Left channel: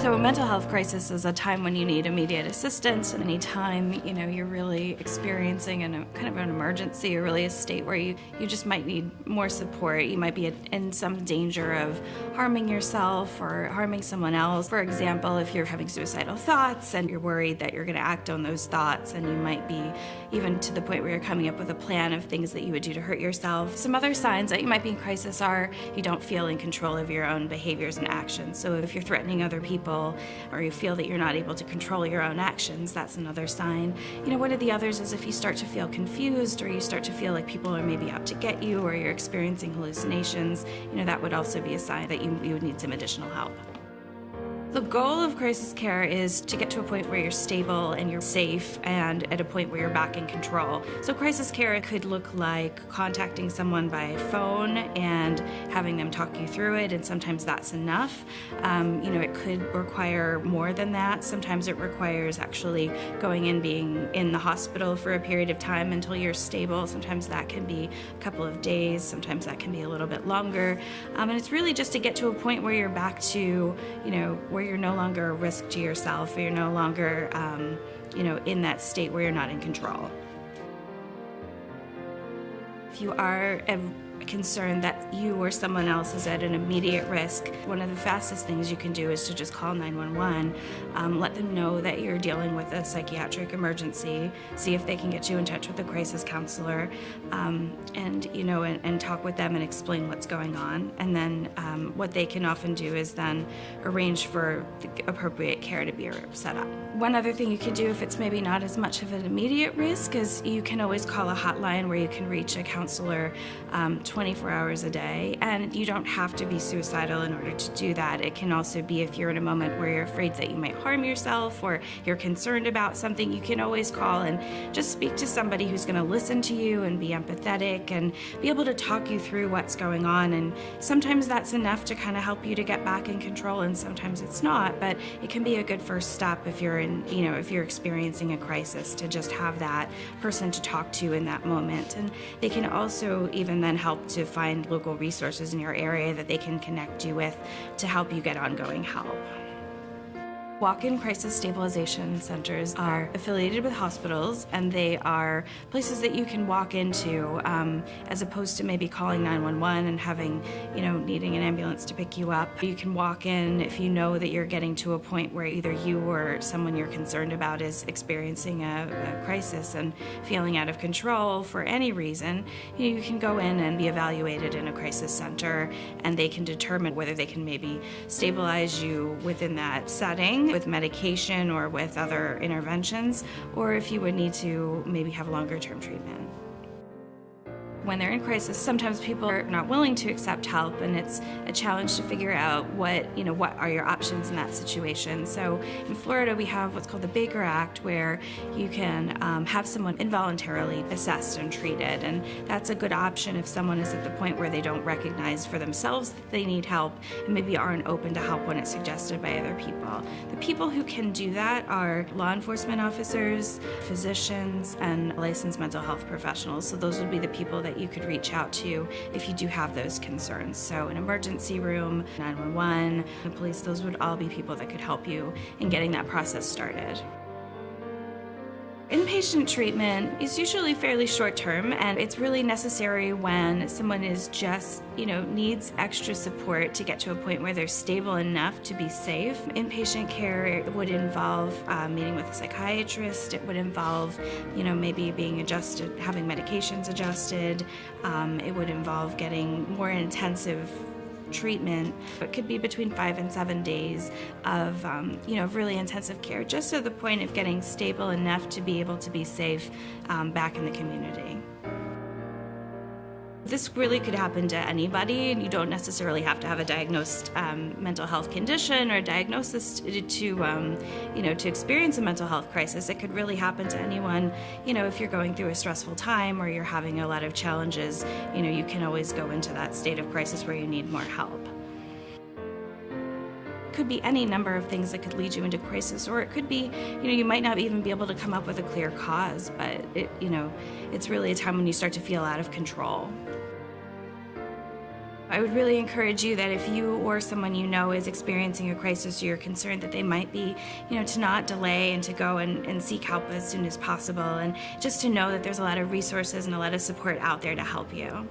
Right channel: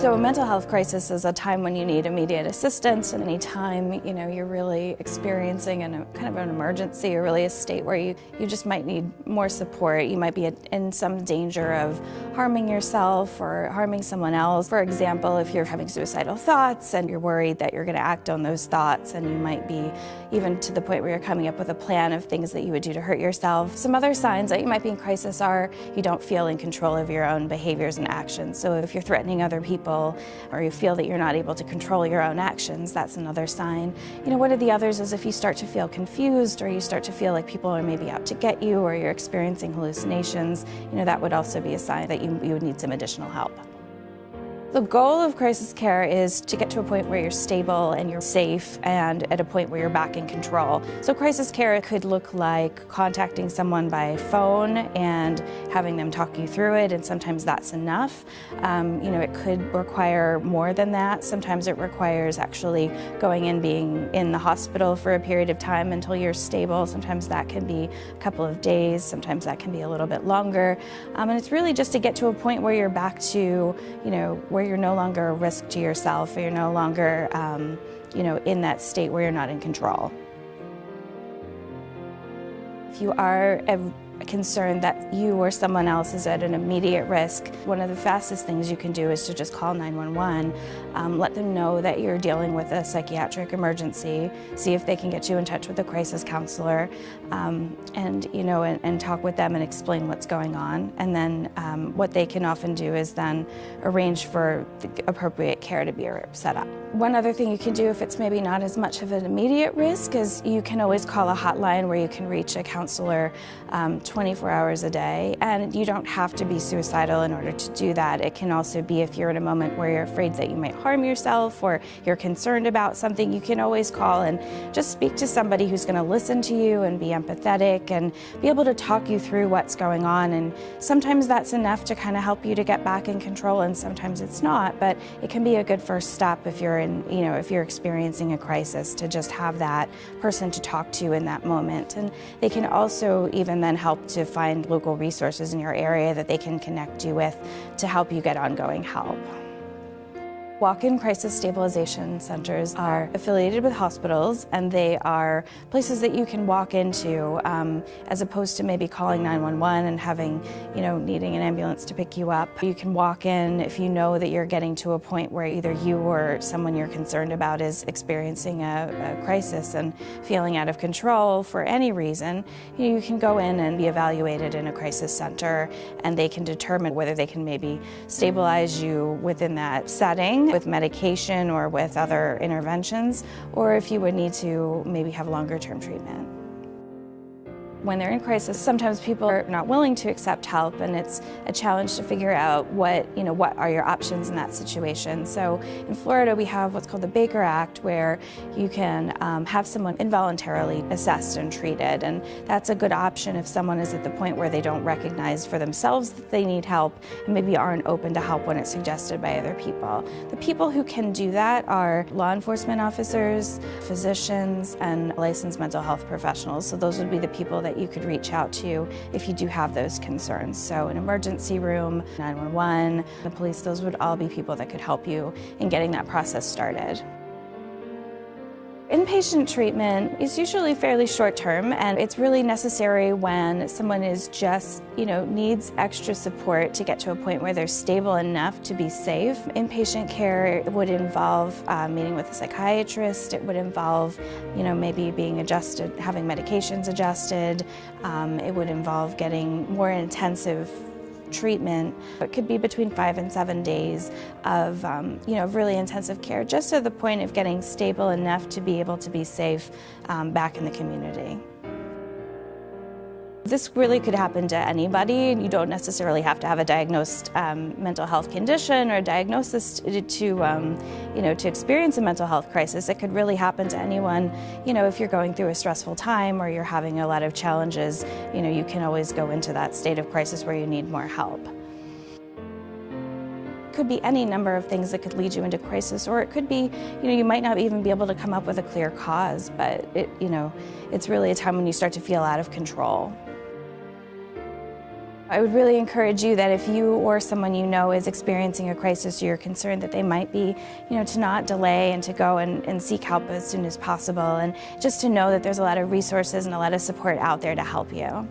So a mental health crisis is a time when you need immediate assistance, and any time you're really experiencing kind of an emergency, or really a state where you just might need more support. You might be in some danger of harming yourself or harming someone else. For example, if you're having suicidal thoughts and you're worried that you're going to act on those thoughts, and you might be even to the point where you're coming up with a plan of things that you would do to hurt yourself. Some other signs that you might be in crisis are you don't feel in control of your own behaviors and actions. So if you're threatening other people, or you feel that you're not able to control your own actions, that's another sign. One of the others is if you start to feel confused, or you start to feel like people are maybe out to get you, or you're experiencing hallucinations, that would also be a sign that you would need some additional help. The goal of crisis care is to get to a point where you're stable and you're safe, and at a point where you're back in control. So crisis care could look like contacting someone by phone and having them talk you through it, and sometimes that's enough. It could require more than that. Sometimes it requires actually going and being in the hospital for a period of time until you're stable. Sometimes that can be a couple of days. Sometimes that can be a little bit longer. And it's really just to get to a point where you're back to, where you're no longer a risk to yourself, or you're no longer, in that state where you're not in control. If you are concerned that you or someone else is at an immediate risk, one of the fastest things you can do is to just call 911. Let them know that you're dealing with a psychiatric emergency. See if they can get you in touch with a crisis counselor, and talk with them and explain what's going on. And then what they can often do is then arrange for the appropriate care to be set up. One other thing you can do, if it's maybe not as much of an immediate risk, is you can always call a hotline where you can reach a counselor 24 hours a day, and you don't have to be suicidal in order to do that. It can also be if you're in a moment where you're afraid that you might harm yourself, or you're concerned about something, you can always call and just speak to somebody who's going to listen to you and be empathetic and be able to talk you through what's going on. And sometimes that's enough to kind of help you to get back in control, and sometimes it's not, but it can be a good first step if you're if you're experiencing a crisis, to just have that person to talk to in that moment. And they can also even then help to find local resources in your area that they can connect you with to help you get ongoing help. Walk-in crisis stabilization centers are affiliated with hospitals, and they are places that you can walk into as opposed to maybe calling 911 and having, needing an ambulance to pick you up. You can walk in if you know that you're getting to a point where either you or someone you're concerned about is experiencing a crisis and feeling out of control for any reason. You can go in and be evaluated in a crisis center, and they can determine whether they can maybe stabilize you within that setting with medication or with other interventions, or if you would need to maybe have longer-term treatment. When they're in crisis, sometimes people are not willing to accept help, and it's a challenge to figure out what are your options in that situation. So in Florida, we have what's called the Baker Act, where you can have someone involuntarily assessed and treated, and that's a good option if someone is at the point where they don't recognize for themselves that they need help and maybe aren't open to help when it's suggested by other people. The people who can do that are law enforcement officers, physicians, and licensed mental health professionals. So those would be the people that you could reach out to if you do have those concerns. So an emergency room, 911, the police, those would all be people that could help you in getting that process started. Inpatient treatment is usually fairly short-term, and it's really necessary when someone is just, needs extra support to get to a point where they're stable enough to be safe. Inpatient care would involve meeting with a psychiatrist. It would involve, maybe being adjusted, having medications adjusted. It would involve getting more intensive treatment. It could be between 5 and 7 days of, really intensive care, just to the point of getting stable enough to be able to be safe back in the community. This really could happen to anybody. You don't necessarily have to have a diagnosed mental health condition or diagnosis to experience a mental health crisis. It could really happen to anyone. If you're going through a stressful time or you're having a lot of challenges, you can always go into that state of crisis where you need more help. Could be any number of things that could lead you into crisis, or it could be, you might not even be able to come up with a clear cause, but it's really a time when you start to feel out of control. I would really encourage you that if you or someone you know is experiencing a crisis, or you're concerned that they might be, to not delay and to go and seek help as soon as possible, and just to know that there's a lot of resources and a lot of support out there to help you.